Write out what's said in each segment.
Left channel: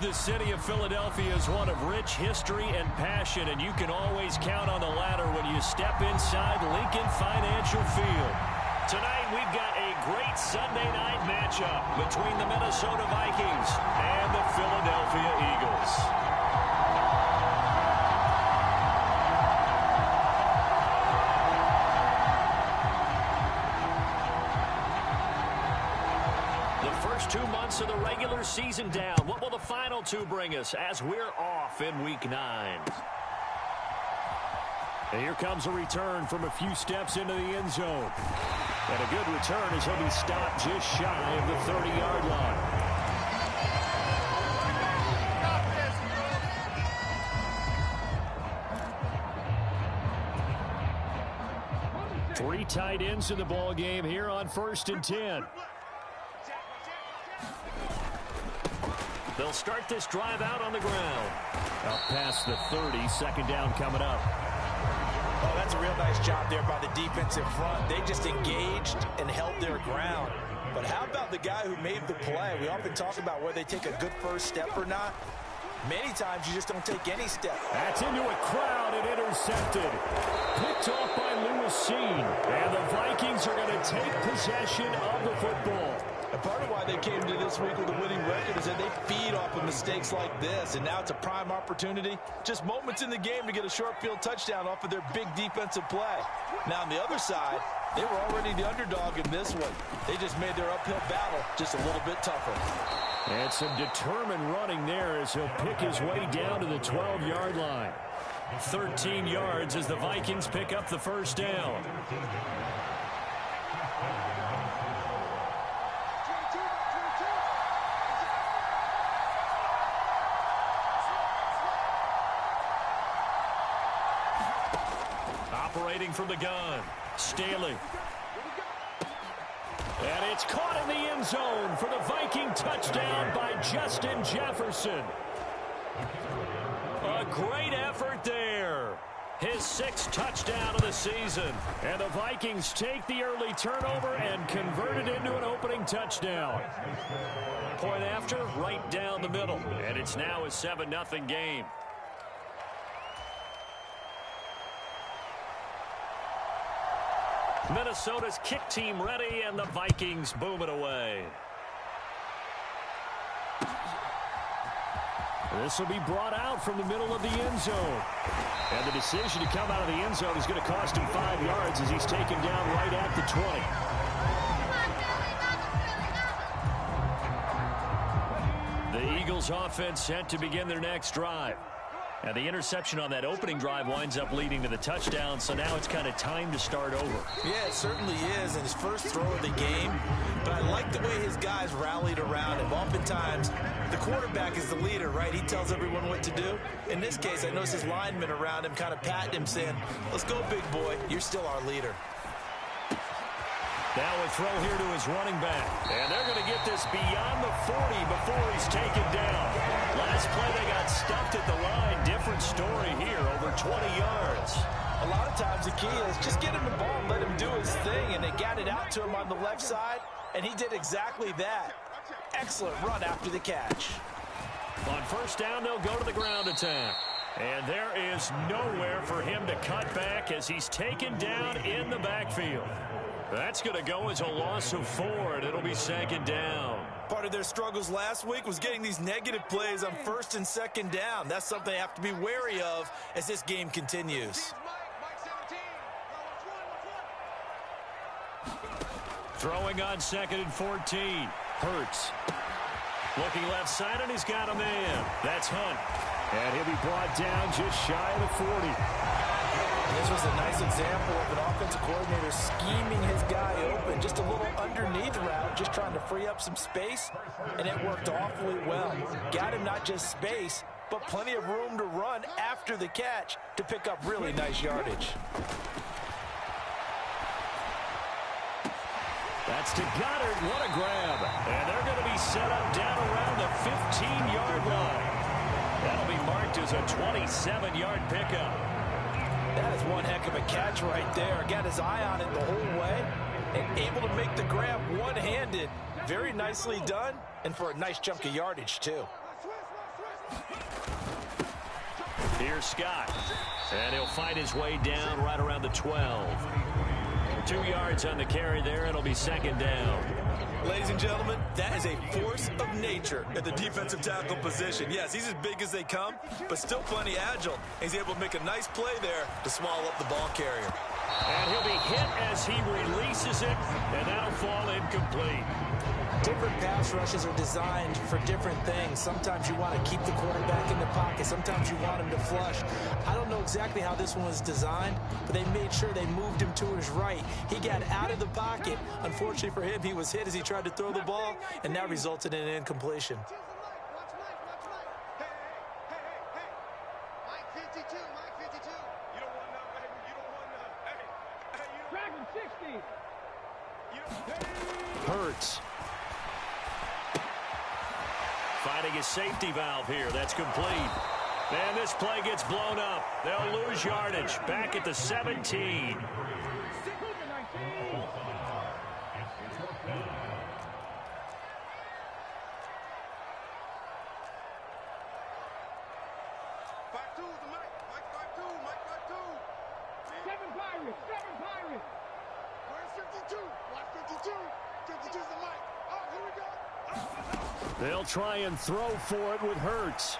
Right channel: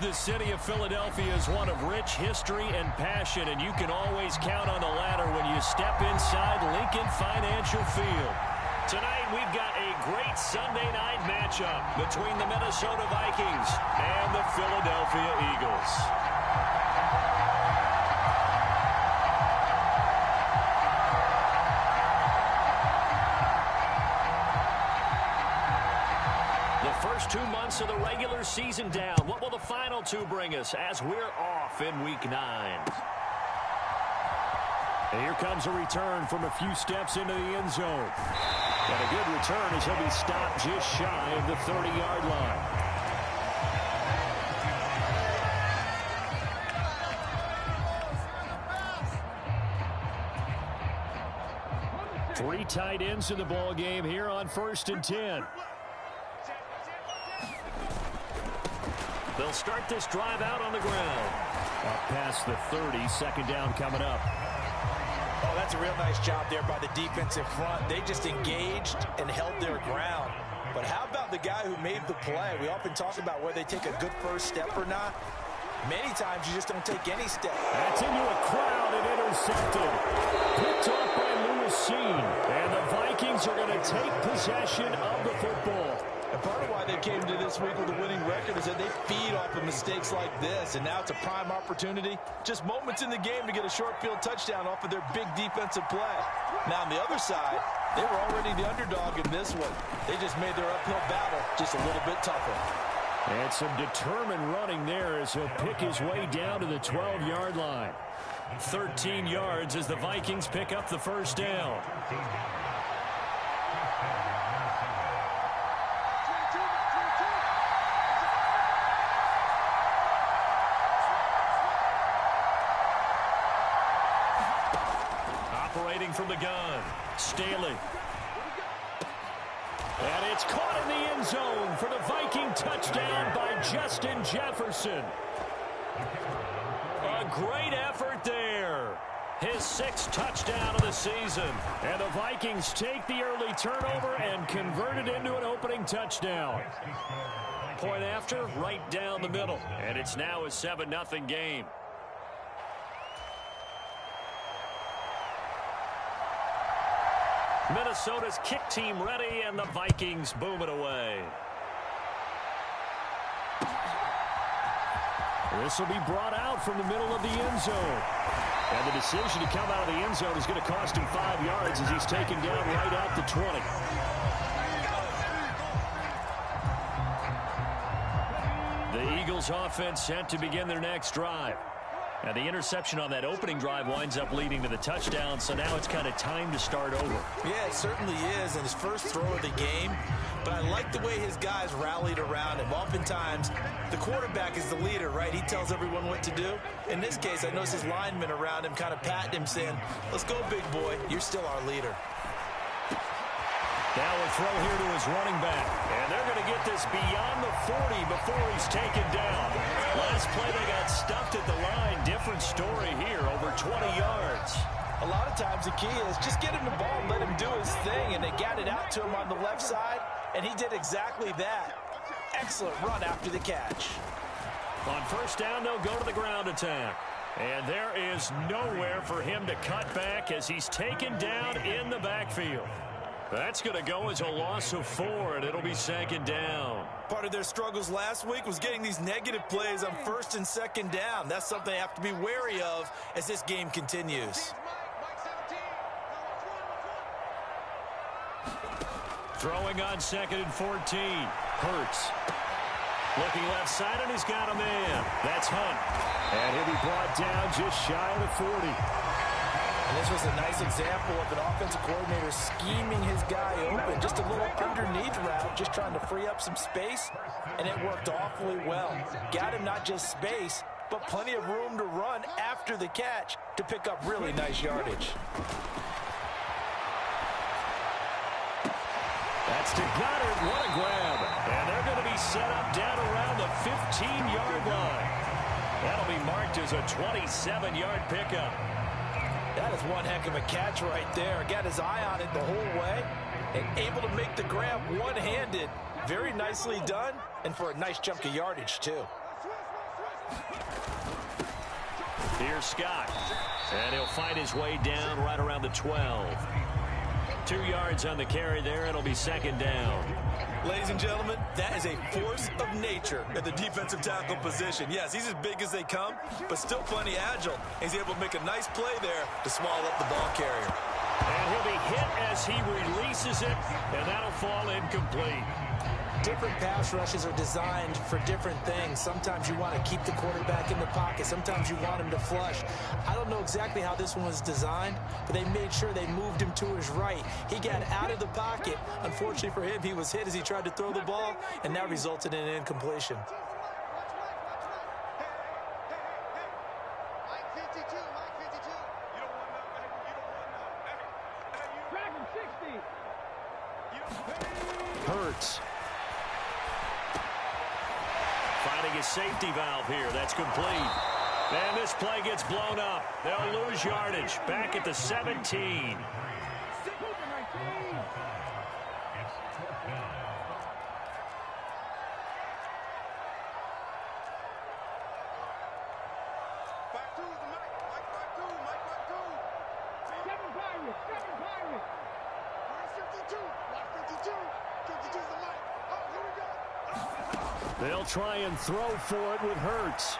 The city of Philadelphia is one of rich history and passion, and you can always count on the latter when you step inside Lincoln Financial Field. Tonight, we've got a great Sunday night matchup between the Minnesota Vikings and the Philadelphia Eagles. The first 2 months of the regular season down. What will the final two bring us as we're off in Week 9? And here comes a return from a few steps into the end zone. And a good return as he'll be stopped just shy of the 30-yard line. Three tight ends in the ball game here on 1st and 10. They'll start this drive out on the ground. Up past the 30, 2nd down coming up. Oh, that's a real nice job there by the defensive front. They just engaged and held their ground. But how about the guy who made the play? We often talk about whether they take a good first step or not. Many times you just don't take any step. That's into a crowd and intercepted. Picked off by Lewis Cine. And the Vikings are going to take possession of the football. And part of why they came to this week with a winning record is that they feed off of mistakes like this. And now it's a prime opportunity. Just moments in the game to get a short field touchdown off of their big defensive play. Now on the other side, they were already the underdog in this one. They just made their uphill battle just a little bit tougher. And some determined running there as he'll pick his way down to the 12-yard line. 13 yards as the Vikings pick up the first down. Operating from the gun, Staley. And it's caught in the end zone for the Viking touchdown by Justin Jefferson. A great effort there. His 6th touchdown of the season. And the Vikings take the early turnover and convert it into an opening touchdown. Point after, right down the middle. And it's now a 7-0 game. Minnesota's kick team ready, and the Vikings boom it away. This will be brought out from the middle of the end zone. And the decision to come out of the end zone is going to cost him 5 yards as he's taken down right at the 20. The Eagles offense set to begin their next drive. And the interception on that opening drive winds up leading to the touchdown, so now it's kind of time to start over. Yeah, it certainly is, and his first throw of the game. But I like the way his guys rallied around him. Oftentimes, the quarterback is the leader, right? He tells everyone what to do. In this case, I noticed his linemen around him kind of patting him, saying, let's go, big boy. You're still our leader. Now a throw here to his running back. And they're going to get this beyond the 40 before he's taken down. Last play they got stuffed at the line. Different story here, over 20 yards. A lot of times the key is just get him the ball and let him do his thing. And they got it out to him on the left side, and he did exactly that. Excellent run after the catch. On first down, they'll go to the ground attack. And there is nowhere for him to cut back as he's taken down in the backfield. That's going to go as a loss of 4, and it'll be 2nd down. Part of their struggles last week was getting these negative plays on 1st and 2nd down. That's something they have to be wary of as this game continues. Throwing on 2nd and 14. Hurts. Looking left side, and he's got a man. That's Hunt. And he'll be brought down just shy of the 40. And this was a nice example of an offensive coordinator scheming his guy open. Just a little underneath route, just trying to free up some space, and it worked awfully well. Got him not just space, but plenty of room to run after the catch to pick up really nice yardage. That's to Goddard. What a grab. And they're going to be set up down around the 15-yard line. That'll be marked as a 27-yard pickup. That is one heck of a catch right there. Got his eye on it the whole way and able to make the grab one-handed. Very nicely done, and for a nice chunk of yardage, too. Here's Scott. And he'll fight his way down right around the 12. 2 yards on the carry there. It'll be second down. Ladies and gentlemen, that is a force of nature at the defensive tackle position. Yes, he's as big as they come, but still plenty agile. He's able to make a nice play there to swallow up the ball carrier. And he'll be hit as he releases it, and that'll fall incomplete. Different pass rushes are designed for different things. Sometimes you want to keep the quarterback in the pocket. Sometimes you want him to flush. I don't know exactly how this one was designed, but they made sure they moved him to his right. He got out of the pocket. Unfortunately for him, he was hit as he tried to throw the ball, and that resulted in an incompletion. Hurts. Finding his safety valve here. That's complete. And this play gets blown up. They'll lose yardage. Back at the 17. Seven Pirates. Where's 52? Watch 52. 52's the mic. Oh, here we go. They'll try and throw for it with Hurts.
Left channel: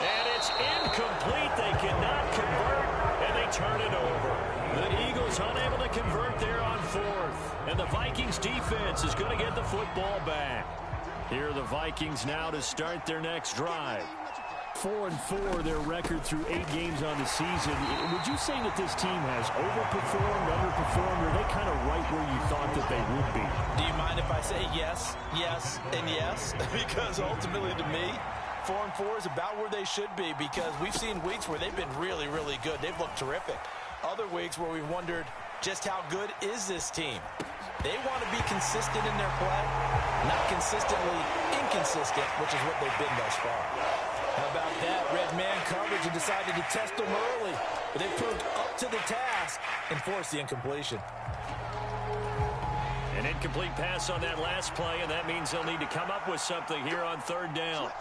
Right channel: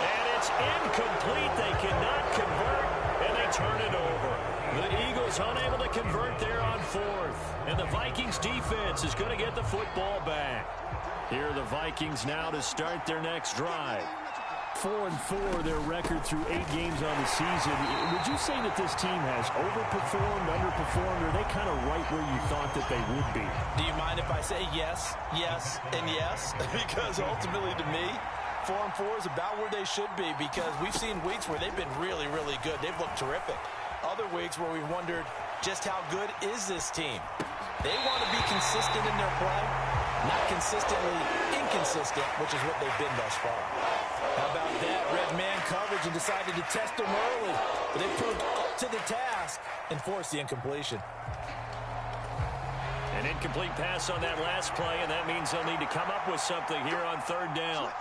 And it's incomplete. They cannot convert, and they turn it over. The Eagles unable to convert there on fourth. And the Vikings defense is going to get the football back. Here are the Vikings now to start their next drive. 4-4 their record through 8 games on the season. Would you say that this team has overperformed, underperformed, or are they kind of right where you thought that they would be? Do you mind if I say yes, yes, and yes? Because ultimately to me, 4-4 is about where they should be, because we've seen weeks where they've been really, really good. They've looked terrific. Other weeks where we've wondered just how good is this team. They want to be consistent in their play, not consistently inconsistent, which is what they've been thus far. How about that? Red man coverage and decided to test them early. But they proved up to the task and forced the incompletion. An incomplete pass on that last play, and that means they'll need to come up with something here on third down.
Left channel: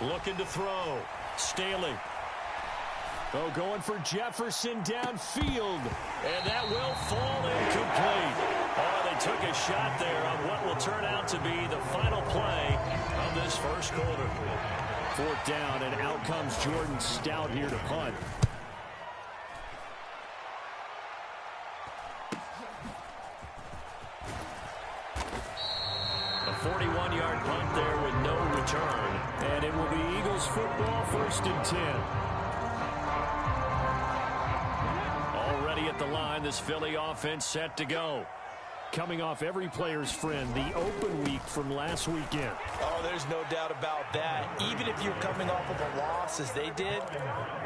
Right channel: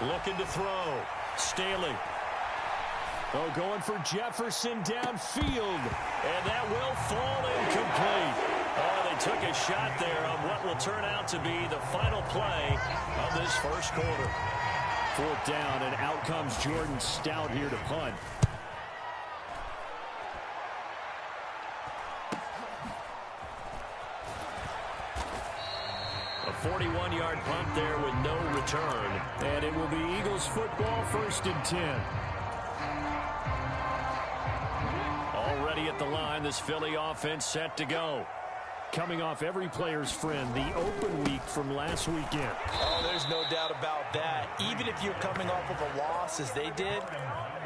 Looking to throw. Staley. Oh, going for Jefferson downfield. And that will fall incomplete. Oh, they took a shot there on what will turn out to be the final play of this first quarter. Fourth down, and out comes Jordan Stout here to punt. A 41-yard punt there with no return. And it will be Eagles football, 1st and 10. Already at the line, this Philly offense set to go. Coming off every player's friend, the open week from last weekend. Oh, there's no doubt about that. Even if you're coming off of a loss as they did,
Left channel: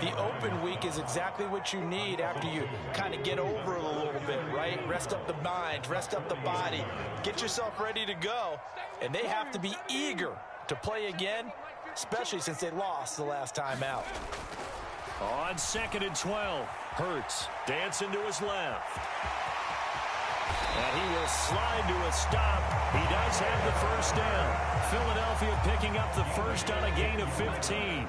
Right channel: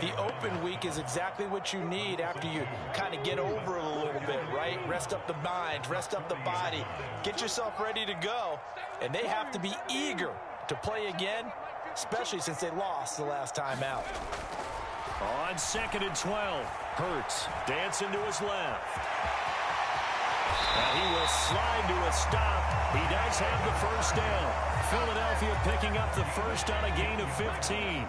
the open week is exactly what you need after you kind of get over it a little bit, right? Rest up the mind, rest up the body, get yourself ready to go. And they have to be eager to play again, especially since they lost the last time out. On 2nd and 12, Hurts dancing to his left. And he will slide to a stop. He does have the first down. Philadelphia picking up the first on a gain of 15.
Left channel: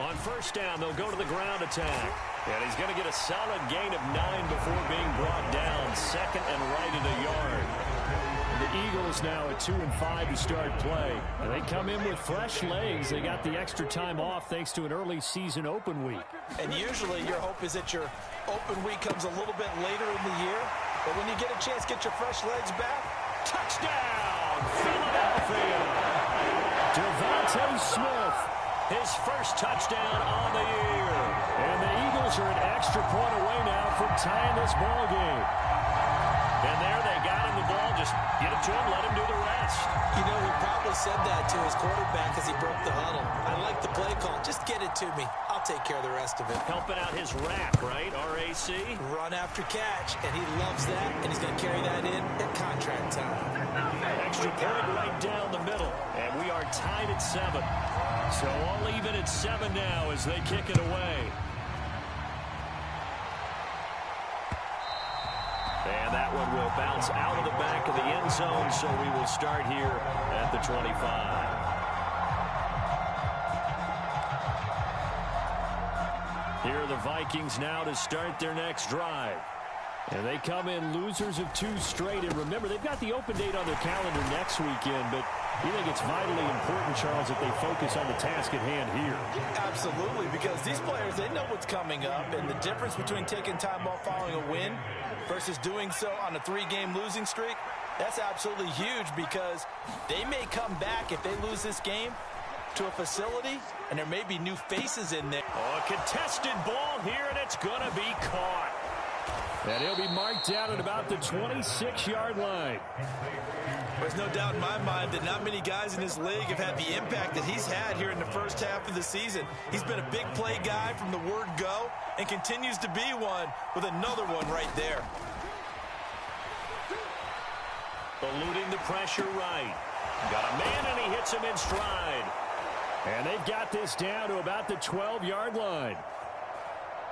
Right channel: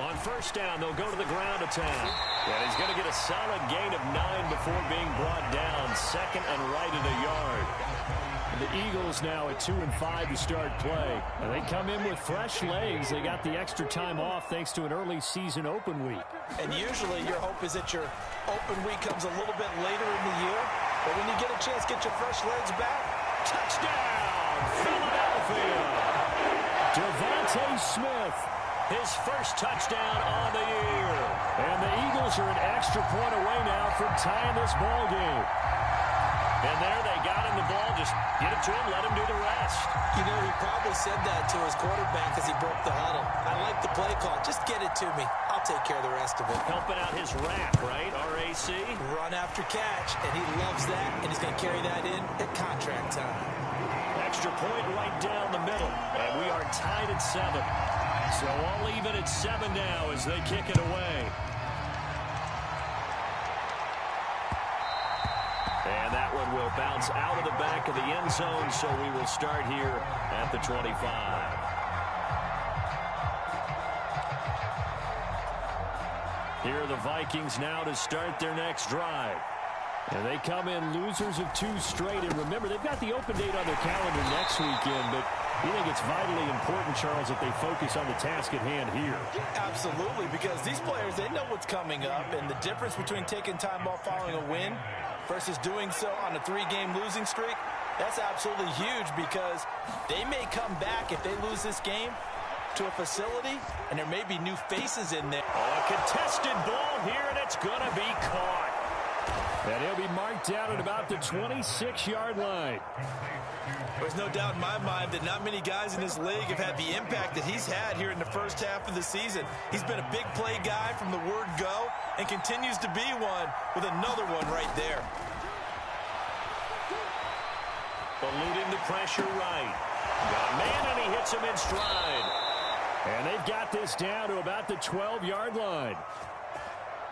On first down, they'll go to the ground attack. And he's going to get a solid gain of 9 before being brought down. Second and right at a yard. The Eagles now at 2-5 to start play. And they come in with fresh legs. They got the extra time off thanks to an early season open week. And usually your hope is that your open week comes a little bit later in the year. But when you get a chance, get your fresh legs back. Touchdown, Philadelphia. Devontae Smith, his first touchdown on the year. And the Eagles are an extra point away now from tying this ball game. And there they got him the ball. Just get it to him, let him do the rest. You know, he probably said that to his quarterback as he broke the huddle. I like the play call. Just get it to me. I'll take care of the rest of it. Helping out his rack, right? RAC. Run after catch, and he loves that, and he's going to carry that in at contract time. Extra point right down the middle, and we are tied at 7. So all even at 7 now as they kick it away. And that one will bounce out of the back of the end zone, so we will start here at the 25. Here are the Vikings now to start their next drive. And they come in losers of 2 straight. And remember, they've got the open date on their calendar next weekend, but you think it's vitally important, Charles, that they focus on the task at hand here? Absolutely, because these players, they know what's coming up, and the difference between taking time off following a win versus doing so on a 3-game losing streak, that's absolutely huge, because they may come back if they lose this game to a facility, and there may be new faces in there. Oh, a contested ball here, and it's going to be caught. And he'll be marked down at about the 26-yard line. There's no doubt in my mind that not many guys in this league have had the impact that he's had here in the first half of the season. He's been a big play guy from the word go and continues to be one with another one right there. Eluding the pressure right. Got a man, and he hits him in stride. And they've got this down to about the 12-yard line.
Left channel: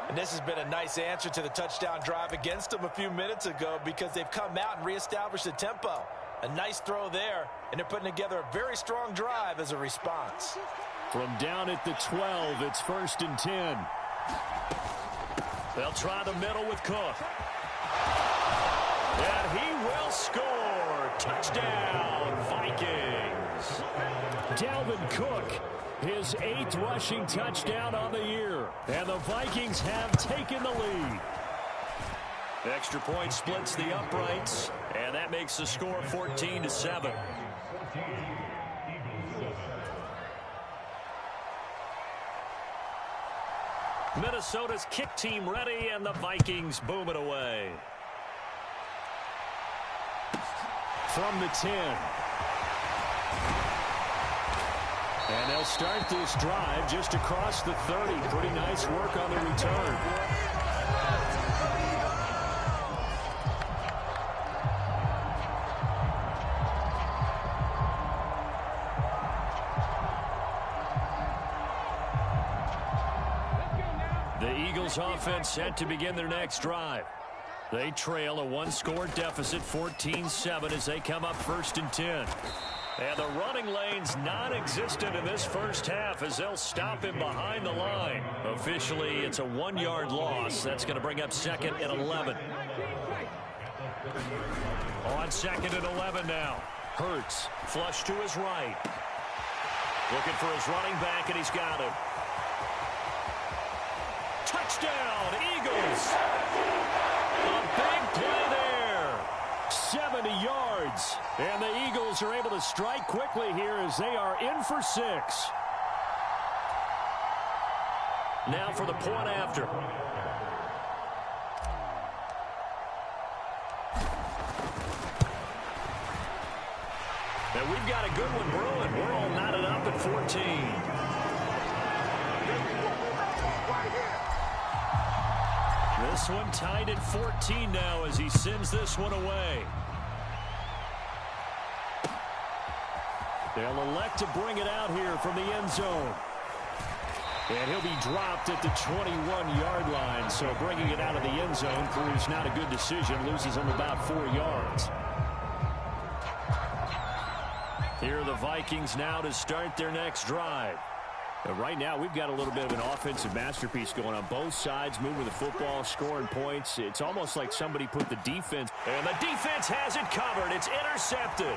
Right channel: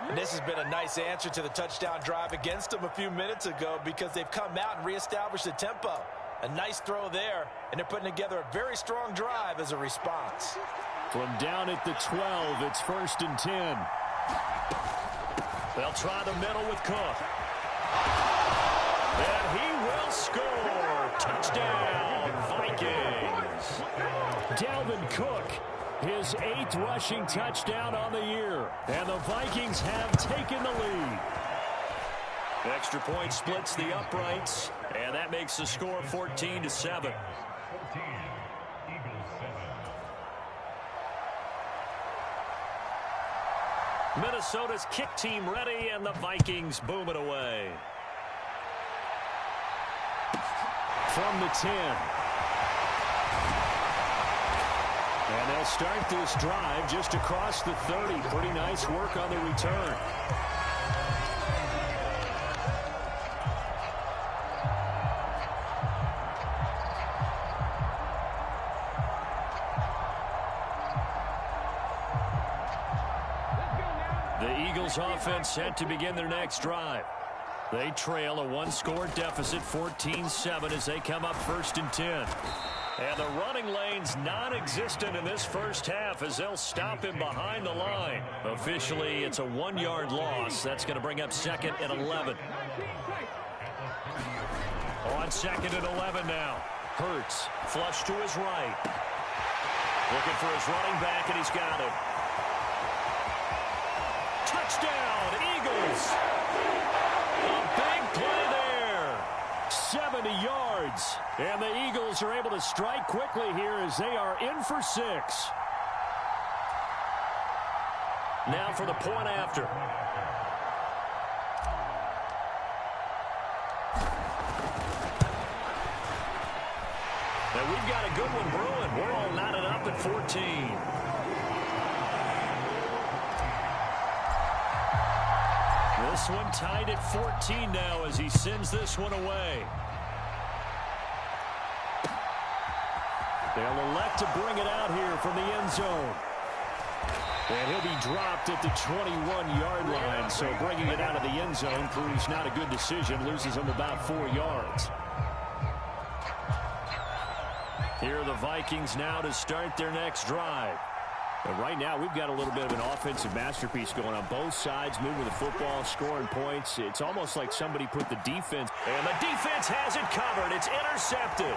And this has been a nice answer to the touchdown drive against them a few minutes ago, because they've come out and reestablished the tempo. A nice throw there, and they're putting together a very strong drive as a response. From down at the 12, it's 1st and 10. They'll try the middle with Cook. And he will score. Touchdown, Vikings. Dalvin Cook, his 8th rushing touchdown on the year. And the Vikings have taken the lead. Extra point splits the uprights, and that makes the score 14-7. Minnesota's kick team ready, and the Vikings boom it away. From the 10. And they'll start this drive just across the 30. Pretty nice work on the return. The Eagles offense set to begin their next drive. They trail a 1-score deficit, 14-7, as they come up 1st and 10. And the running lane's non-existent in this first half, as they'll stop him behind the line. Officially, it's a 1-yard loss. That's going to bring up 2nd and 11. On 2nd and 11 now. Hurts, flush to his right. Looking for his running back, and he's got him. Touchdown, Eagles. A big play there. 70 yards. And the Eagles are able to strike quickly here as they are in for 6. Now for the point after. Now we've got a good one brewing. We're all knotted up at 14. This one tied at 14 now as he sends this one away. They'll elect to bring it out here from the end zone. And he'll be dropped at the 21-yard line, so bringing it out of the end zone proves not a good decision, loses him about 4 yards. Here are the Vikings now to start their next drive. Right now, we've got a little bit of an offensive masterpiece going on. Both sides moving the football, scoring points. It's almost like somebody put the defense. And the defense has it covered. It's intercepted.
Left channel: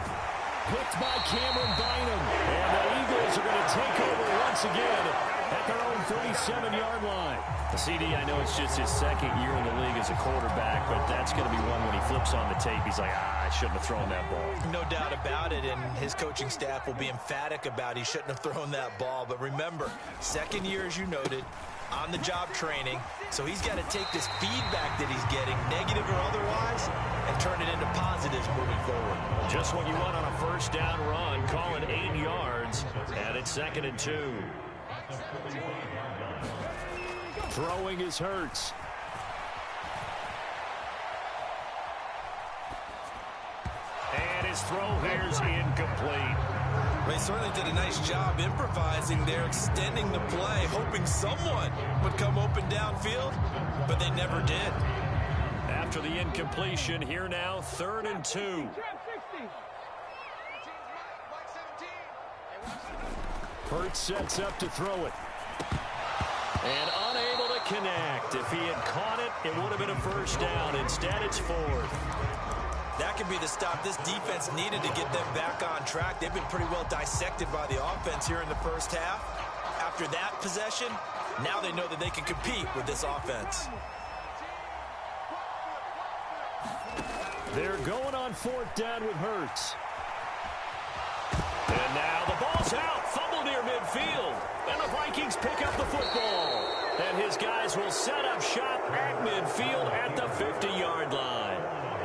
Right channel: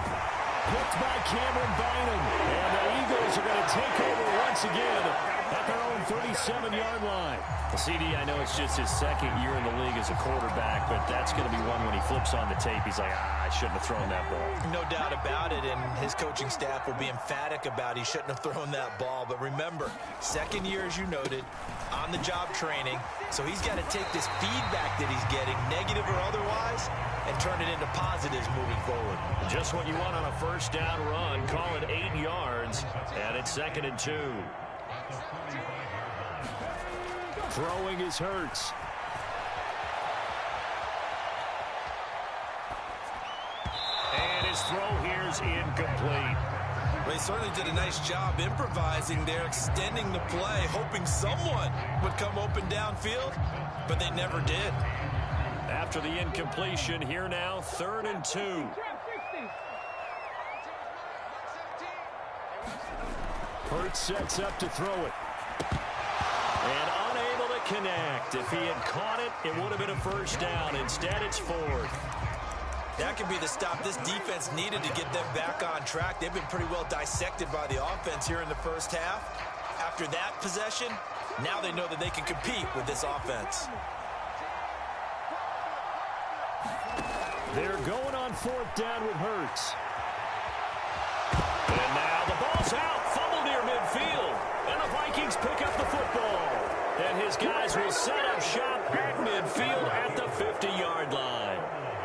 Picked by Cameron Bynum. And the Eagles are going to take over once again at their own 37-yard line. CD, I know it's just his 2nd year in the league as a quarterback, but that's going to be one when he flips on the tape. He's like, I shouldn't have thrown that ball. No doubt about it, and his coaching staff will be emphatic about he shouldn't have thrown that ball. But remember, 2nd year, as you noted, on-the-job training, so he's got to take this feedback that he's getting, negative or otherwise, and turn it into positives moving forward. Just what you want on a first down run. Call it 8 yards, and it's 2nd and 2. Throwing is Hurts. And his throw here is incomplete. They certainly did a nice job improvising there, extending the play, hoping someone would come open downfield, but they never did. After the incompletion, here now, 3rd and 2. Hurts sets up to throw it. And unable to connect. If he had caught it, it would have been a first down. Instead, it's 4th. That could be the stop this defense needed to get them back on track. They've been pretty well dissected by the offense here in the first half. After that possession, now they know that they can compete with this offense. They're going on 4th down with Hurts. And now the ball's out. Fumble near midfield. And the Vikings pick up the football. And his guys will set up shop at midfield at the 50-yard line.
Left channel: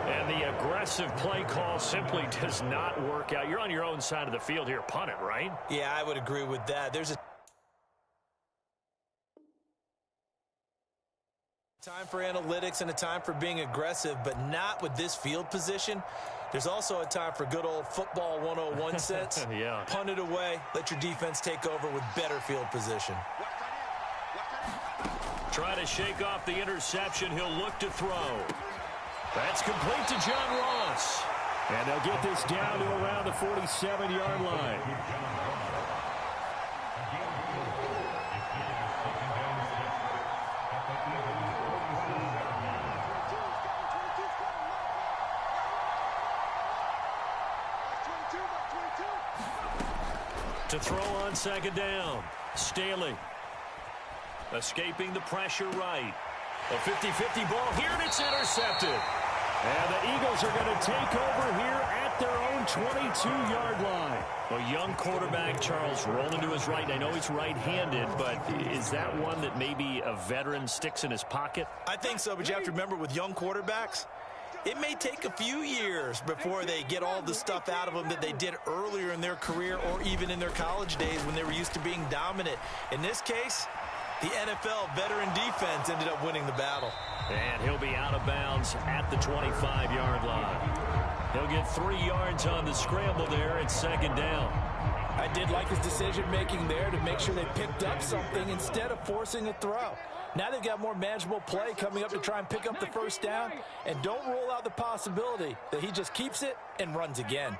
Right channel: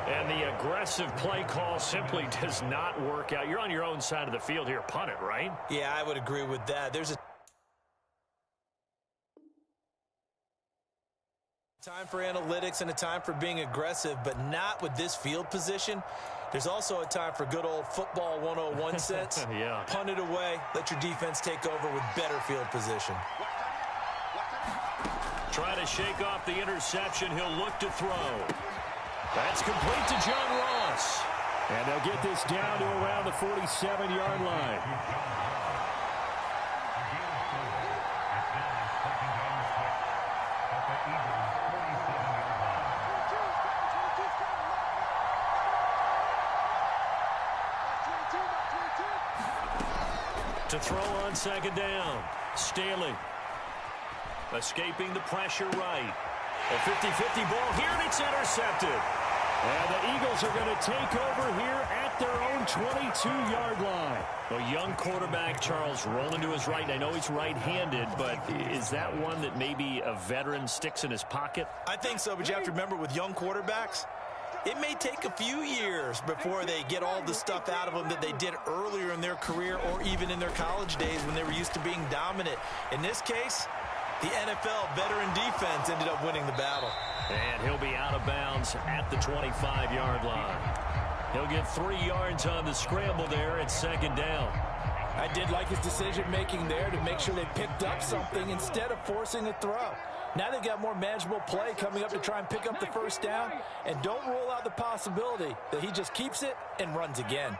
And the aggressive play call simply does not work out. You're on your own side of the field here. Punt it, right? Yeah, I would agree with that. There's a time for analytics and a time for being aggressive, but not with this field position. There's also a time for good old football 101 sense. Yeah. Punt it away. Let your defense take over with better field position. Try to shake off the interception. He'll look to throw. That's complete to John Ross. And they'll get this down to around the 47-yard line. To throw on 2nd down. Staley escaping the pressure right. A 50-50 ball here, and it's intercepted. And the Eagles are going to take over here at their own 22-yard line. A young quarterback, Charles, rolling to his right. And I know he's right-handed, but is that one that maybe a veteran sticks in his pocket? I think so, but you have to remember with young quarterbacks, it may take a few years before they get all the stuff out of them that they did earlier in their career or even in their college days when they were used to being dominant. In this case, the NFL veteran defense ended up winning the battle. And he'll be out of bounds at the 25-yard line. He'll get 3 yards on the scramble there at 2nd down. I did like his decision-making there to make sure they picked up something instead of forcing a throw. Now they've got more manageable play coming up to try and pick up the first down. And don't rule out the possibility that he just keeps it and runs again.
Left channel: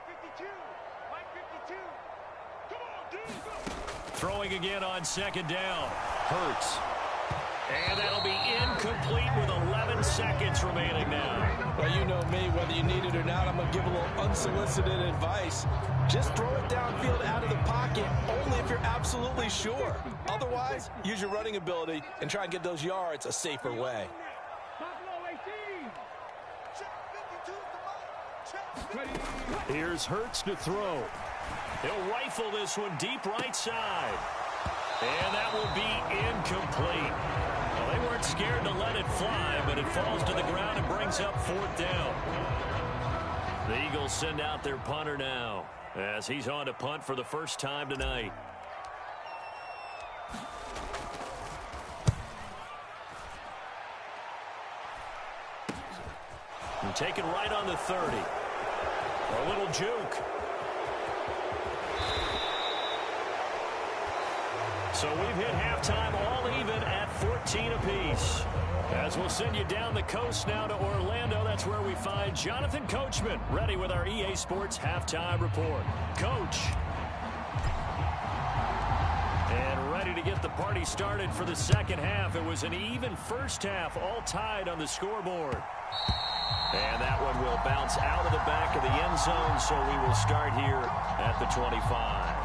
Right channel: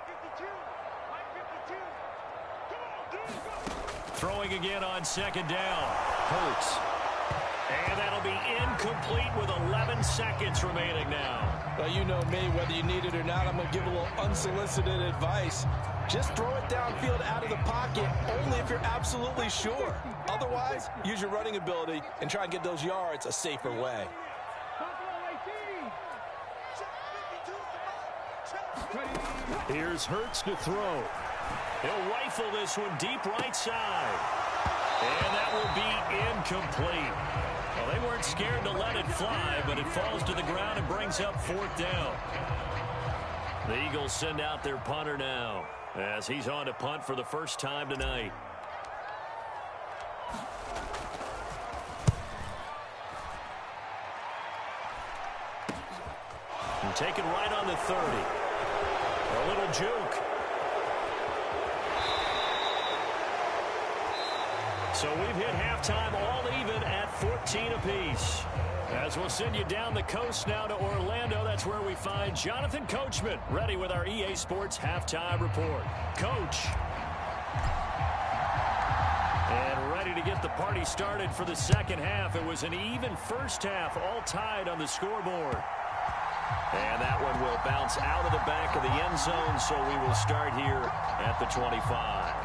Throwing again on 2nd down. Hurts. And that'll be incomplete with 11 seconds remaining now. Well, you know me, whether you need it or not, I'm going to give a little unsolicited advice. Just throw it downfield out of the pocket only if you're absolutely sure. Otherwise, use your running ability and try and get those yards a safer way. Here's Hurts to throw. He'll rifle this one deep right side. And that will be incomplete. Well, they weren't scared to let it fly, but it falls to the ground and brings up 4th down. The Eagles send out their punter now as he's on to punt for the first time tonight. And taken right on the 30. A little juke. So we've hit halftime all even at 14 apiece. As we'll send you down the coast now to Orlando, that's where we find Jonathan Coachman, ready with our EA Sports Halftime Report. Coach. And ready to get the party started for the second half. It was an even first half, all tied on the scoreboard. And that one will bounce out of the back of the end zone, so we will start here at the 25.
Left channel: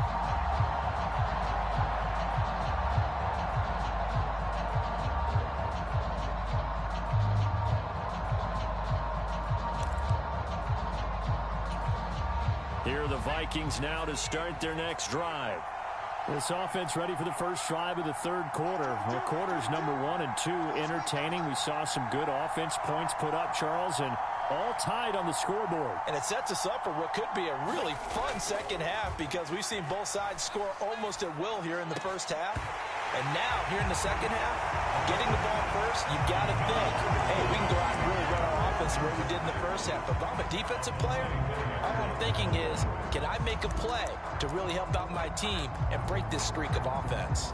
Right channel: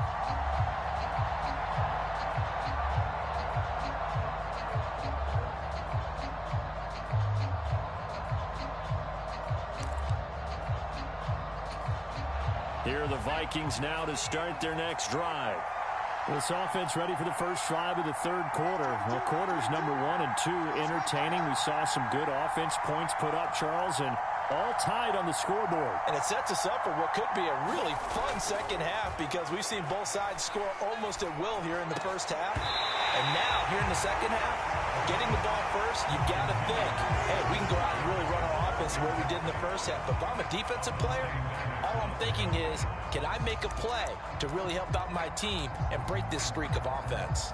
Here are the Vikings now to start their next drive. This offense ready for the first drive of the 3rd quarter. Well, quarters number 1 and 2 entertaining. We saw some good offense points put up, Charles, and all tied on the scoreboard. And it sets us up for what could be a really fun second half because we've seen both sides score almost at will here in the first half. And now, here in the second half, getting the ball first, you've got to think, hey, we can go out and really run our offense the way we did in the first half. But if I'm a defensive player, all I'm thinking is, can I make a play to really help out my team and break this streak of offense?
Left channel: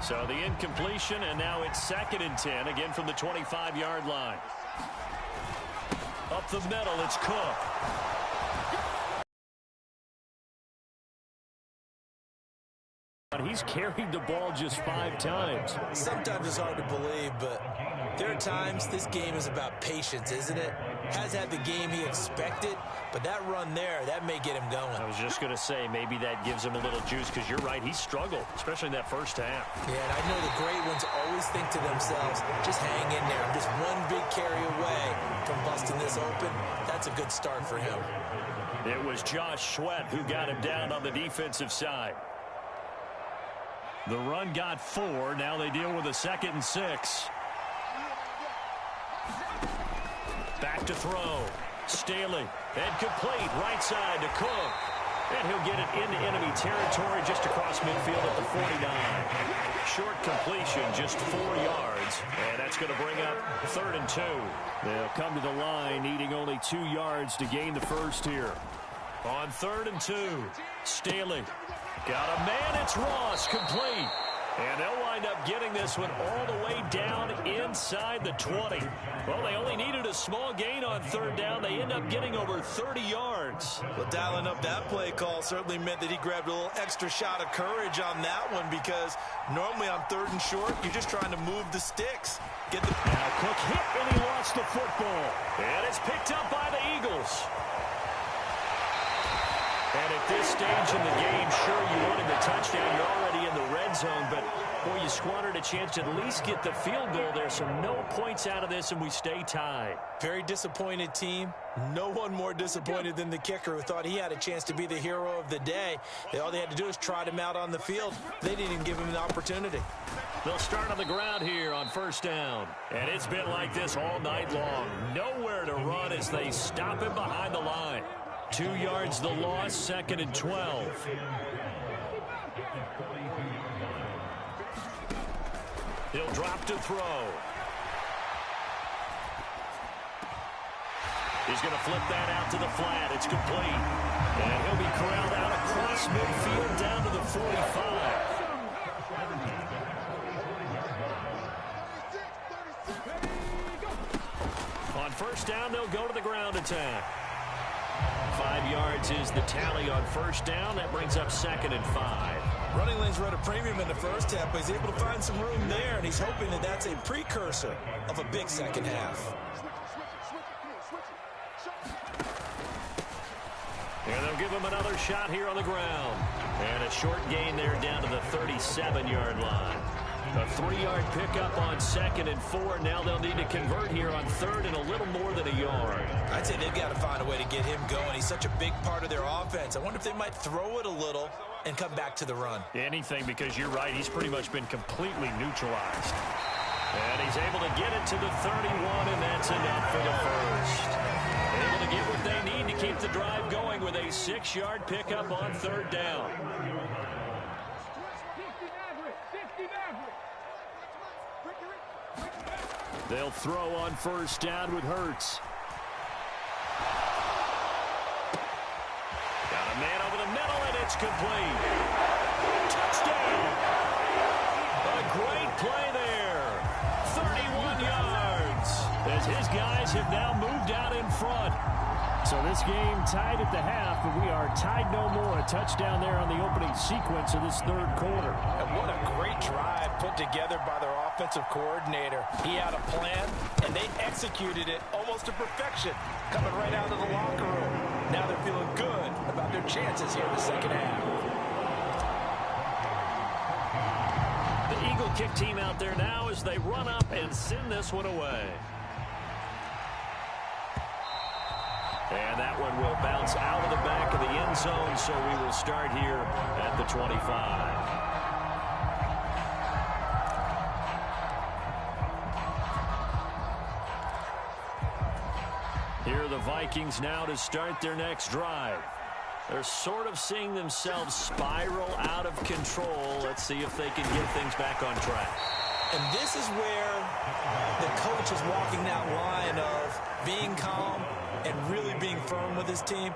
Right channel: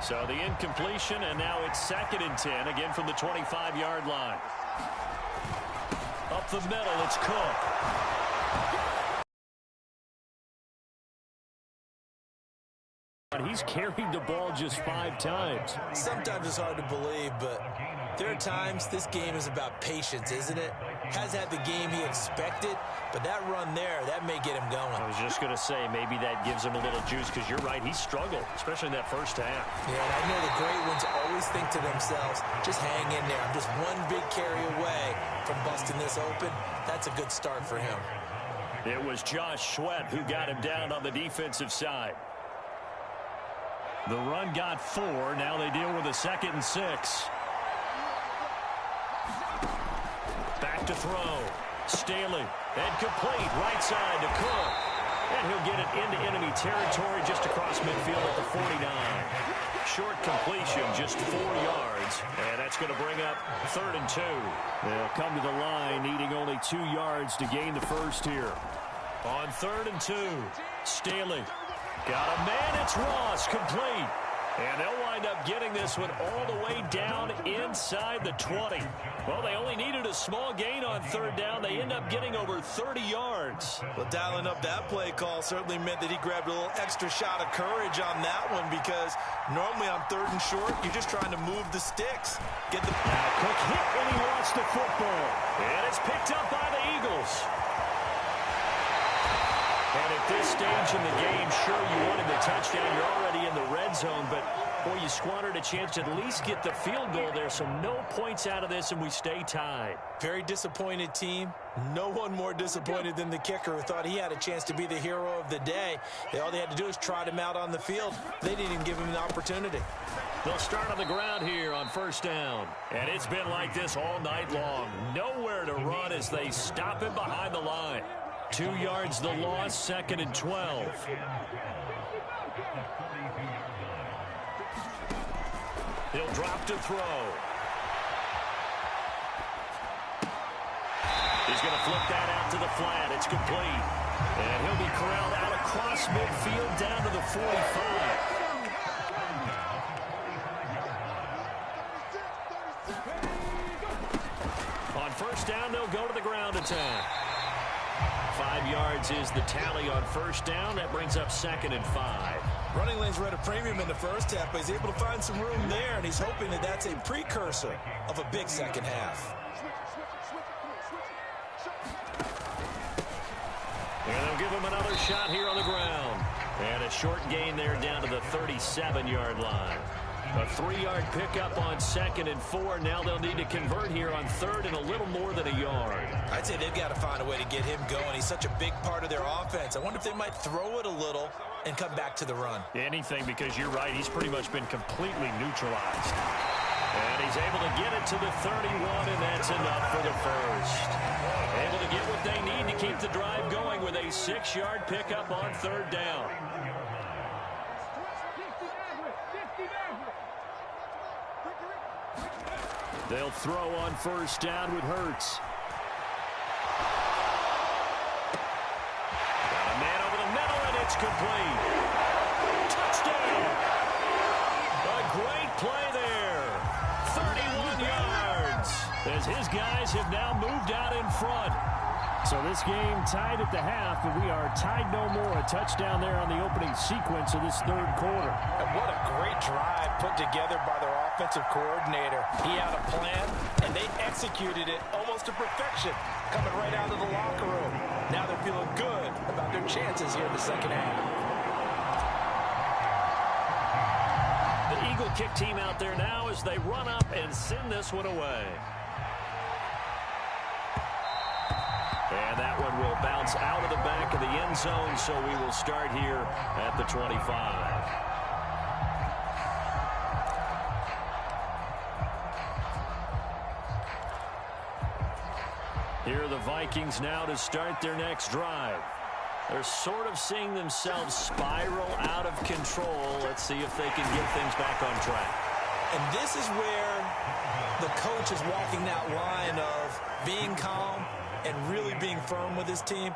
So the incompletion, and now it's 2nd and 10, again from the 25-yard line. Up the middle, it's Cook. He's carried the ball just 5 times. Sometimes it's hard to believe, but there are times this game is about patience, isn't it? Has had the game he expected, but that run there, that may get him going. I was just going to say, maybe that gives him a little juice, because you're right, he struggled, especially in that first half. Yeah, and I know the great ones always think to themselves, just hang in there. I'm just one big carry away from busting this open. That's a good start for him. It was Josh Sweat who got him down on the defensive side. The run got 4. Now they deal with a 2nd and 6. Back to throw. Staley. And complete. Right side to Cook. And he'll get it into enemy territory just across midfield at the 49. Short completion, just 4 yards. And that's going to bring up 3rd and 2. They'll come to the line needing only 2 yards to gain the first here. On 3rd and 2. Staley. Got a man, it's Ross, complete. And they'll wind up getting this one all the way down inside the 20. Well, they only needed a small gain on 3rd down. They end up getting over 30 yards. Well, dialing up that play call certainly meant that he grabbed a little extra shot of courage on that one, because normally on 3rd and short, you're just trying to move the sticks. Now Cook hit, and he lost the football. And it's picked up by the Eagles. And at this stage in the game, sure, you wanted the touchdown. You're already in the red zone, but, boy, you squandered a chance to at least get the field goal there, so no points out of this, and we stay tied. Very disappointed team. No one more disappointed than the kicker, who thought he had a chance to be the hero of the day. All they had to do is trot him out on the field. They didn't even give him an opportunity. They'll start on the ground here on 1st down. And it's been like this all night long. Nowhere to run as they stop him behind the line. 2 yards the loss, 2nd and 12. He'll drop to throw. He's going to flip that out to the flat. It's complete. And he'll be corralled out across midfield down to the 45. On 1st down, they'll go to the ground attack. 5 yards is the tally on 1st down. That brings up 2nd and 5. Running lanes were at a premium in the first half, but he's able to find some room there, and he's hoping that that's a precursor of a big second half. And they'll give him another shot here on the ground. And a short gain there down to the 37-yard line. A 3-yard pickup on 2nd and 4. Now they'll need to convert here on 3rd and a little more than a yard. I'd say they've got to find a way to get him going. He's such a big part of their offense. I wonder if they might throw it a little and come back to the run. Anything, because you're right. He's pretty much been completely neutralized. And he's able to get it to the 31, and that's enough for the first. Able to get what they need to keep the drive going with a 6-yard pickup on 3rd down. They'll throw on 1st down with Hurts. Got a man over the middle, and it's complete. Touchdown! A great play there. 31 yards. As his guys have now moved out in front. So this game tied at the half, and we are tied no more. A touchdown there on the opening sequence of this 3rd quarter. And what a great drive put together by their offensive coordinator. He had a plan, and they executed it almost to perfection, coming right out of the locker room. Now they're feeling good about their chances here in the second half. The Eagle kick team out there now as they run up and send this one away. And that one will bounce out of the back of the end zone, so we will start here at the 25. Here are the Vikings now to start their next drive. They're sort of seeing themselves spiral out of control. Let's see if they can get things back on track. And this is where the coach is walking that line of being calm and really being firm with his team.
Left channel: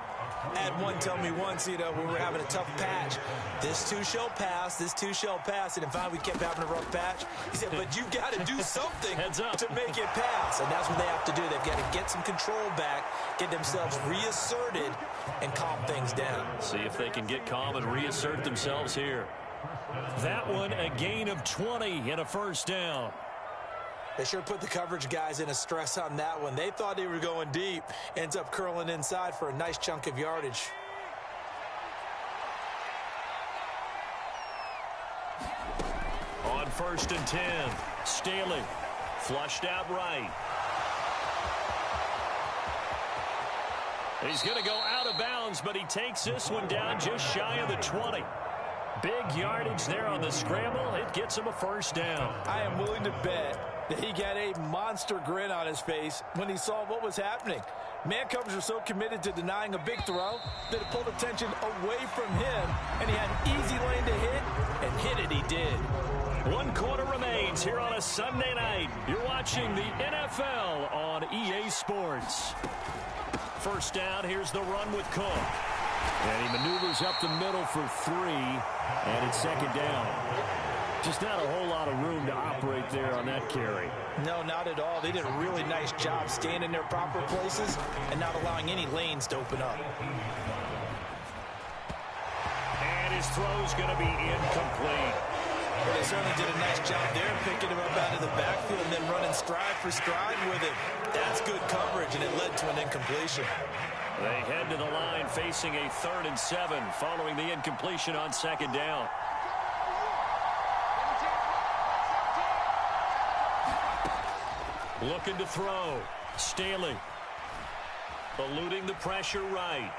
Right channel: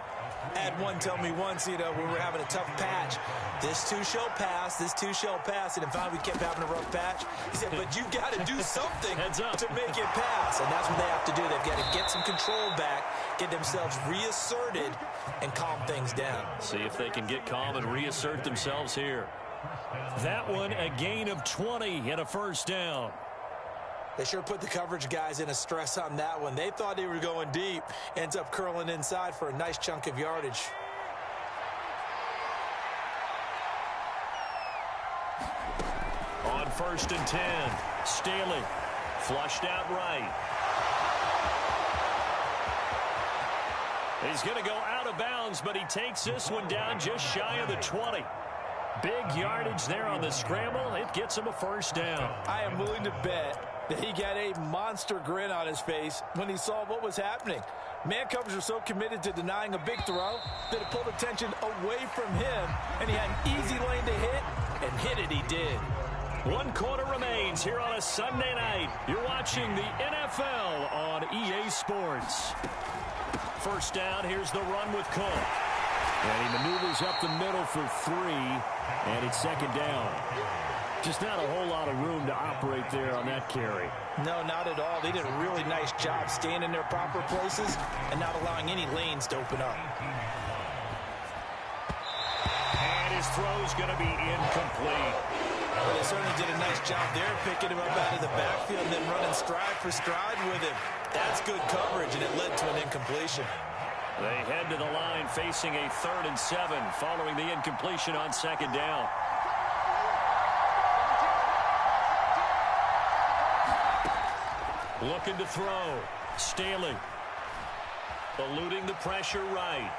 I had one tell me once, when we were having a tough patch, this too shall pass, this too shall pass. And finally we kept having a rough patch. He said, but you've got to do something to make it pass. And that's what they have to do. They've got to get some control back, get themselves reasserted, and calm things down. See if they can get calm and reassert themselves here. That one, a gain of 20 and a first down. They sure put the coverage guys in a stress on that one. They thought they were going deep. Ends up curling inside for a nice chunk of yardage. On 1st and 10, Staley flushed out right. He's going to go out of bounds, but he takes this one down just shy of the 20. Big yardage there on the scramble. It gets him a first down. I am willing to bet that he got a monster grin on his face when he saw what was happening. Man coverage were so committed to denying a big throw that it pulled attention away from him, and he had an easy lane to hit, and hit it he did. 1 quarter remains here on a Sunday night. You're watching the NFL on EA Sports. First down, here's the run with Cook. And he maneuvers up the middle for 3, and it's second down. Just not a whole lot of room to operate there on that carry. No, not at all. They did a really nice job staying in their proper places and not allowing any lanes to open up. And his throw's going to be incomplete. Well, they certainly did a nice job there, picking him up out of the backfield and then running stride for stride with him. That's good coverage, and it led to an incompletion. They head to the line facing a 3rd and 7 following the incompletion on second down. Looking to throw. Staley. Eluding the pressure right.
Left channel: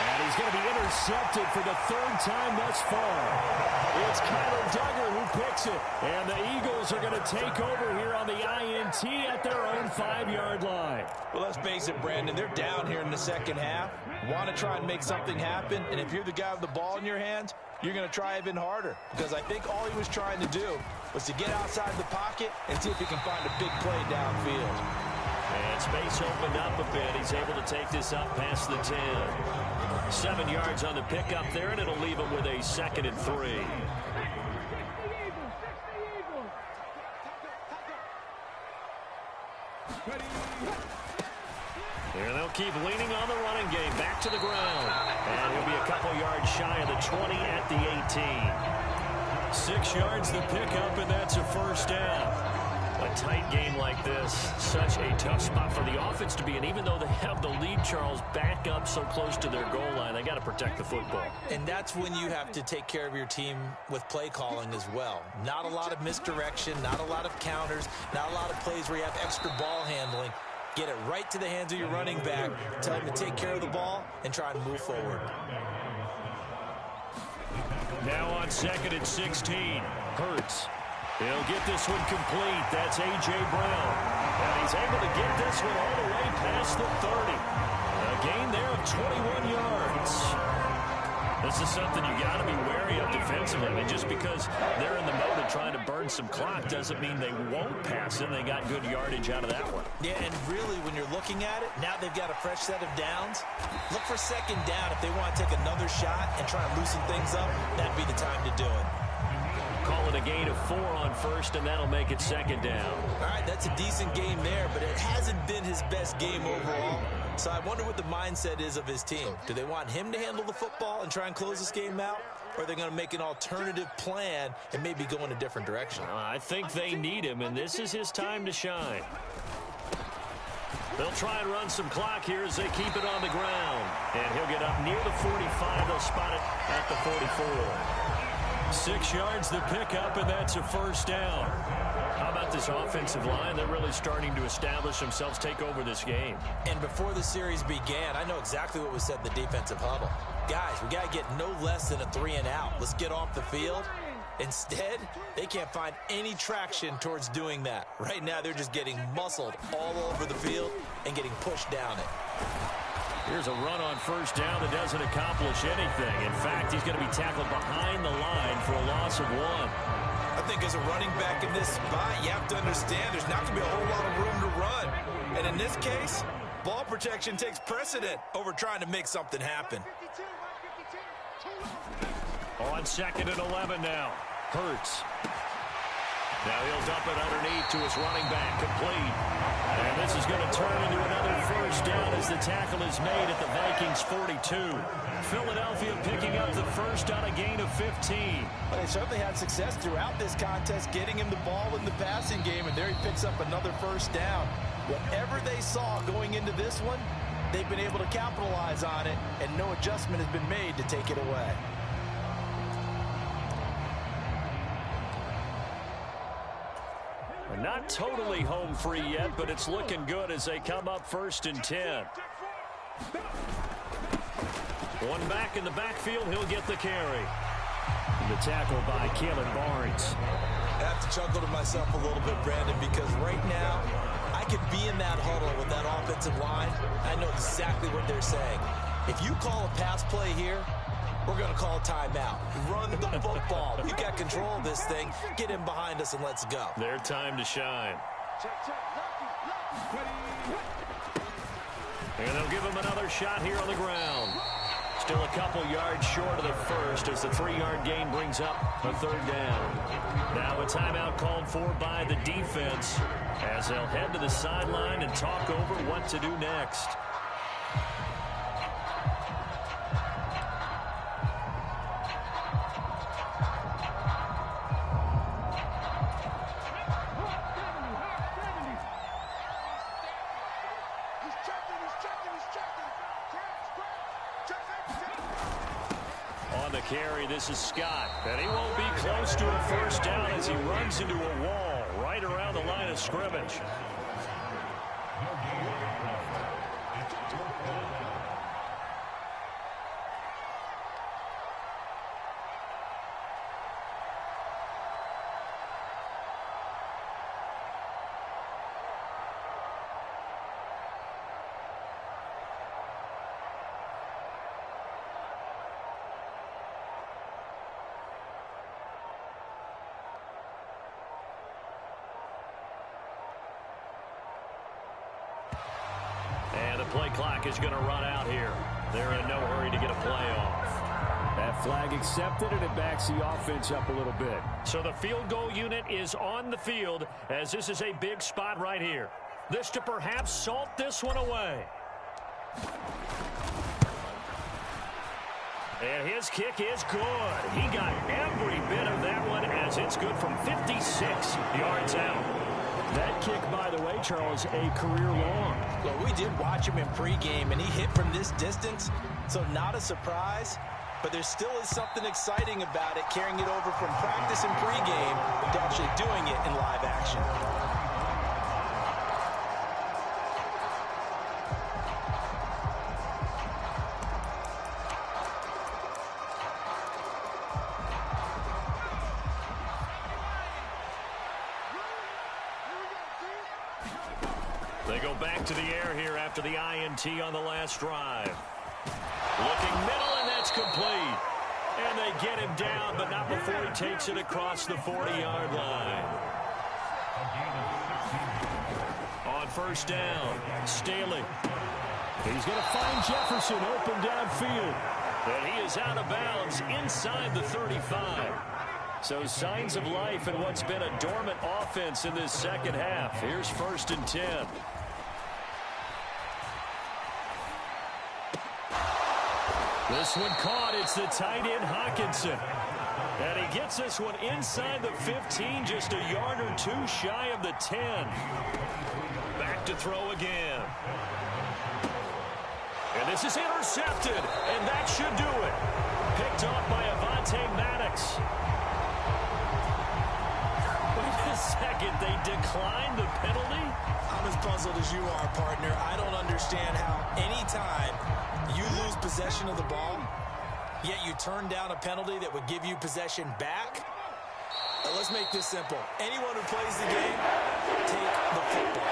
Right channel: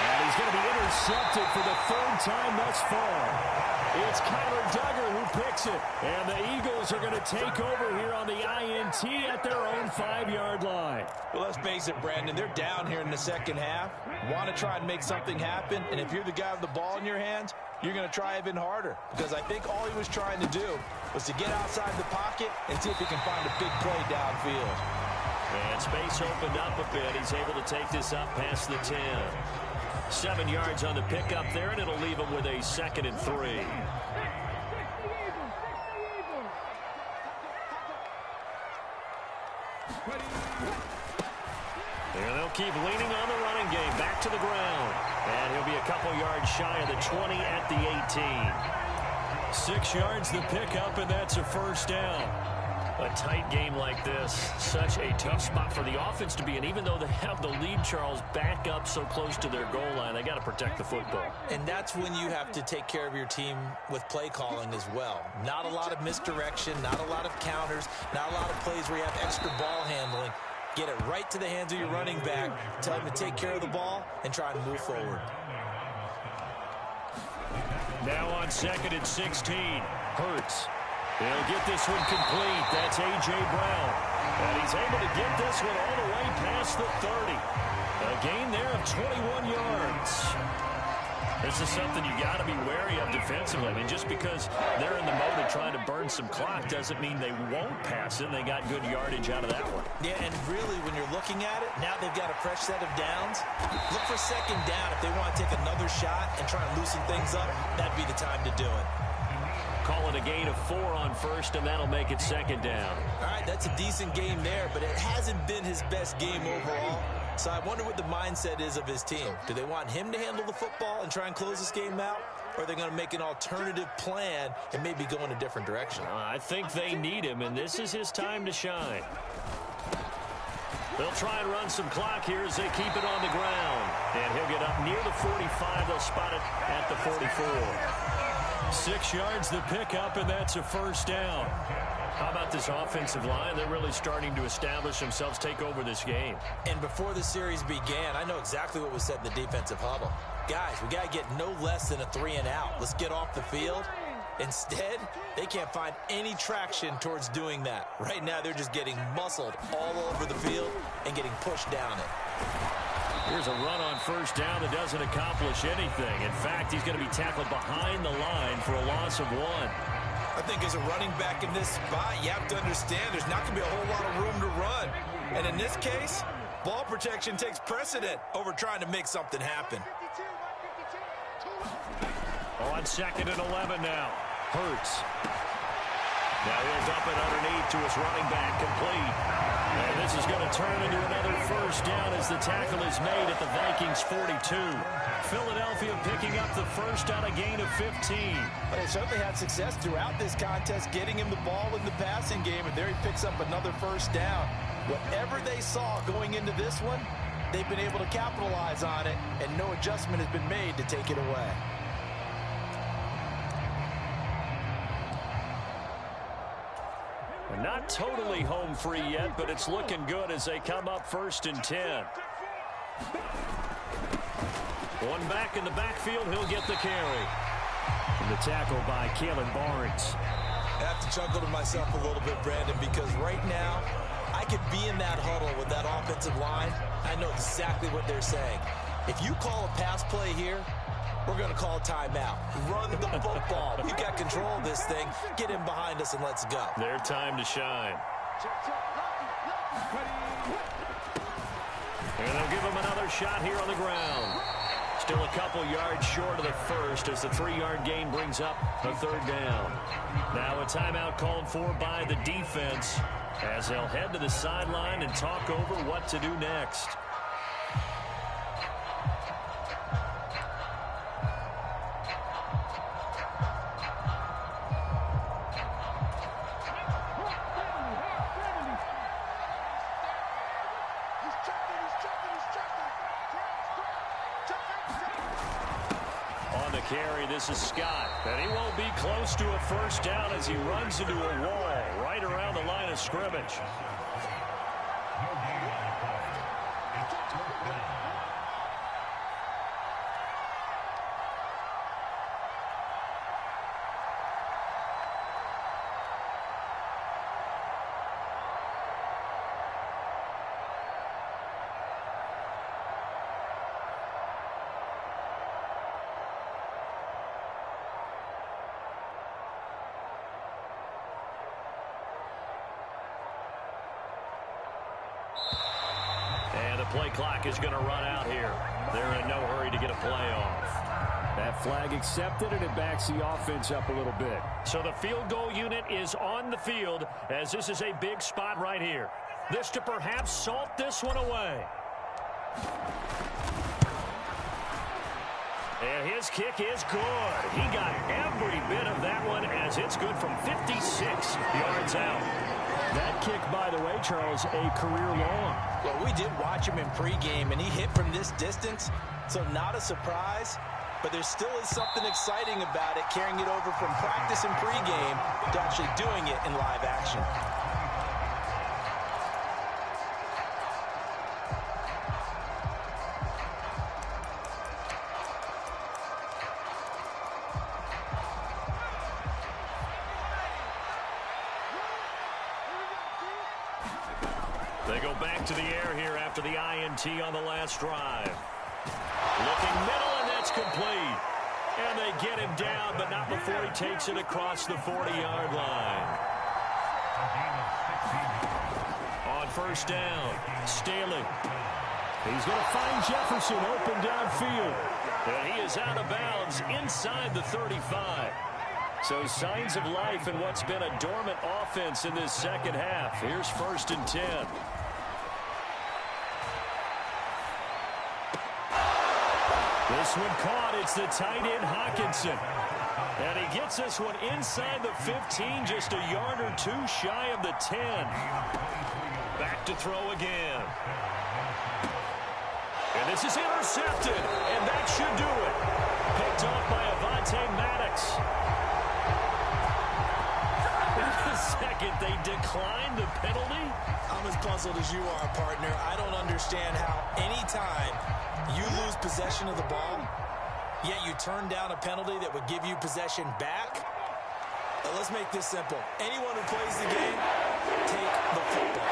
And he's going to be intercepted for the 3rd time thus far. It's Kyler Duggar who picks it. And the Eagles are going to take over here on the INT at their own 5-yard line. Well, let's face it, Brandon. They're down here in the second half. Want to try and make something happen. And if you're the guy with the ball in your hands, you're going to try even harder. Because I think all he was trying to do was to get outside the pocket and see if he can find a big play downfield. And space opened up a bit. He's able to take this up past the 10. 7 yards on the pickup there, and it'll leave him with a 2nd and 3. Here they'll keep leaning on the running game. Back to the ground. And he'll be a couple yards shy of the 20 at the 18. 6 yards the pickup, and that's a first down. A tight game like this, such a tough spot for the offense to be in. Even though they have the lead, Charles, back up so close to their goal line, they got to protect the football. And that's when you have to take care of your team with play calling as well. Not a lot of misdirection, not a lot of counters, not a lot of plays where you have extra ball handling. Get it right to the hands of your running back, tell him to take care of the ball, and try to move forward. Now on 2nd and 16, Hurts. He'll get this one complete. That's A.J. Brown. And he's able to get this one all the way past the 30. A gain there of 21 yards. This is something you got to be wary of defensively. I mean, just because they're in the mode of trying to burn some clock doesn't mean they won't pass it. They got good yardage out of that one. Yeah, and really, when you're looking at it, now they've got a fresh set of downs. Look for second down. If they want to take another shot and try and loosen things up, that'd be the time to do it. Call it a gain of 4 on 1st, and that'll make it 2nd down. All right, that's a decent game there, but it hasn't been his best game overall. So I wonder what the mindset is of his team. Do they want him to handle the football and try and close this game out? Or are they going to make an alternative plan and maybe go in a different direction? I think they need him, and this is his time to shine. They'll try and run some clock here as they keep it on the ground. And he'll get up near the 45. They'll spot it at the 44. 6 yards the pickup, and that's a first down. How about this offensive line? They're really starting to establish themselves, take over this game. And before the series began, I know exactly what was said in the defensive huddle. Guys, we got to get no less than a 3 and out. Let's get off the field. Instead, they can't find any traction towards doing that. Right now, they're just getting muscled all over the field and getting pushed down it. Here's a run on first down that doesn't accomplish anything. In fact, he's going to be tackled behind the line for a loss of 1. I think as a running back in this spot, you have to understand there's not going to be a whole lot of room to run. And in this case, Ball protection takes precedent over trying to make something happen. 52, On 2nd and 11 now. Hurts. Now he'll dump it underneath to his running back, complete. And this is going to turn into another first down as the tackle is made at the Vikings 42. Philadelphia picking up the first on a gain of 15. But they certainly had success throughout this contest getting him the ball in the passing game, and there he picks up another first down. Whatever they saw going into this one, they've been able to capitalize on it, and no adjustment has been made to take it away. Not totally home free yet, but it's looking good as they come up 1st and 10. One back in the backfield, he'll get the carry. And the tackle by Kalen Barnes. I have to chuckle to myself a little bit, Brandon, because right now I could be in that huddle with that offensive line. I know exactly what they're saying. If you call a pass play here, we're going to call a timeout. Run the football. We've got control of this thing. Get him behind us and let's go. Their time to shine. And they'll give him another shot here on the ground. Still a couple yards short of the first as the 3-yard gain brings up a 3rd down. Now a timeout called for by the defense as they'll head to the sideline and talk over what to do next. Carry. This is Scott, and he won't be close to a first down as he runs into a wall right around the line of scrimmage. And the play clock is going to run out here. They're in no hurry to get a play off. That flag accepted, and it backs the offense up a little bit. So the field goal unit is on the field as this is a big spot right here. This to perhaps salt this one away. And his kick is good. He got every bit of that one as it's good from 56 yards out. That kick, by the way, Charles, a career long. Well, we did watch him in pregame, and he hit from this distance, so not a surprise. But there still is something exciting about it, carrying it over from practice and pregame to actually doing it in live action. They go back to the air here after the INT on the last drive. Looking middle, and that's complete. And they get him down, but not before he takes it across the 40-yard line. On first down, Staley. He's going to find Jefferson open downfield. And he is out of bounds inside the 35. So signs of life in what's been a dormant offense in this second half. Here's 1st and 10. This one caught. It's the tight end Hockenson. And he gets this one inside the 15, just a yard or two shy of the 10. Back to throw again. And this is intercepted, and that should do it. Picked off by Avonte Maddox. Wait a second, they declined the penalty? I'm as puzzled as you are, partner. I don't understand how anytime you lose possession of the ball, yet you turn down a penalty that would give you possession back. Let's make this simple. Anyone who plays the game, take the football.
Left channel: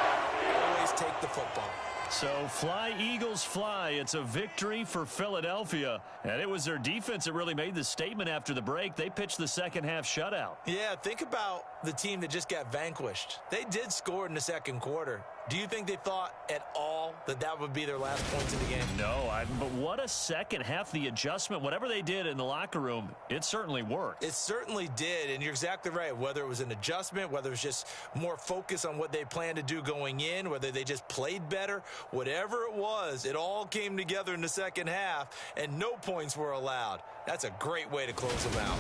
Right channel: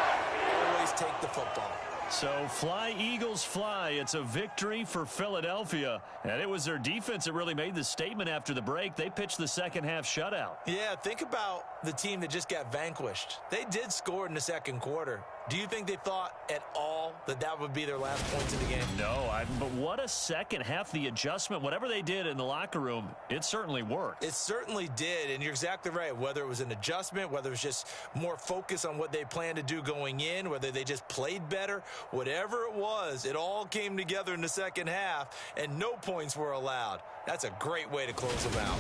Always take the football. So fly, Eagles, fly. It's a victory for Philadelphia. And it was their defense that really made the statement after the break. They pitched the second half shutout. Yeah, think about the team that just got vanquished. They did score in the second quarter. Do you think they thought at all that that would be their last points in the game? No, but what a second half. The adjustment, whatever they did in the locker room, it certainly worked. It certainly did, and you're exactly right. Whether it was an adjustment, whether it was just more focus on what they planned to do going in, whether they just played better, whatever it was, it all came together in the second half, and no points were allowed. That's a great way to close them out.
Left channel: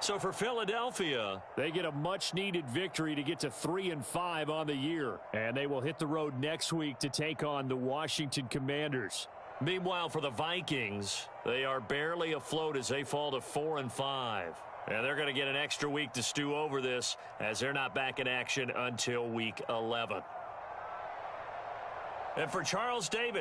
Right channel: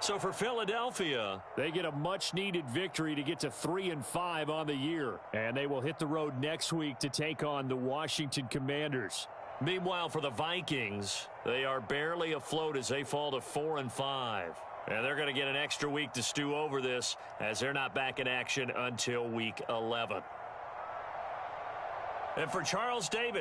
So for Philadelphia, they get a much-needed victory to get to 3-5 on the year. And they will hit the road next week to take on the Washington Commanders. Meanwhile, for the Vikings, they are barely afloat as they fall to 4-5. And they're going to get an extra week to stew over this as they're not back in action until week 11. And for Charles Davis,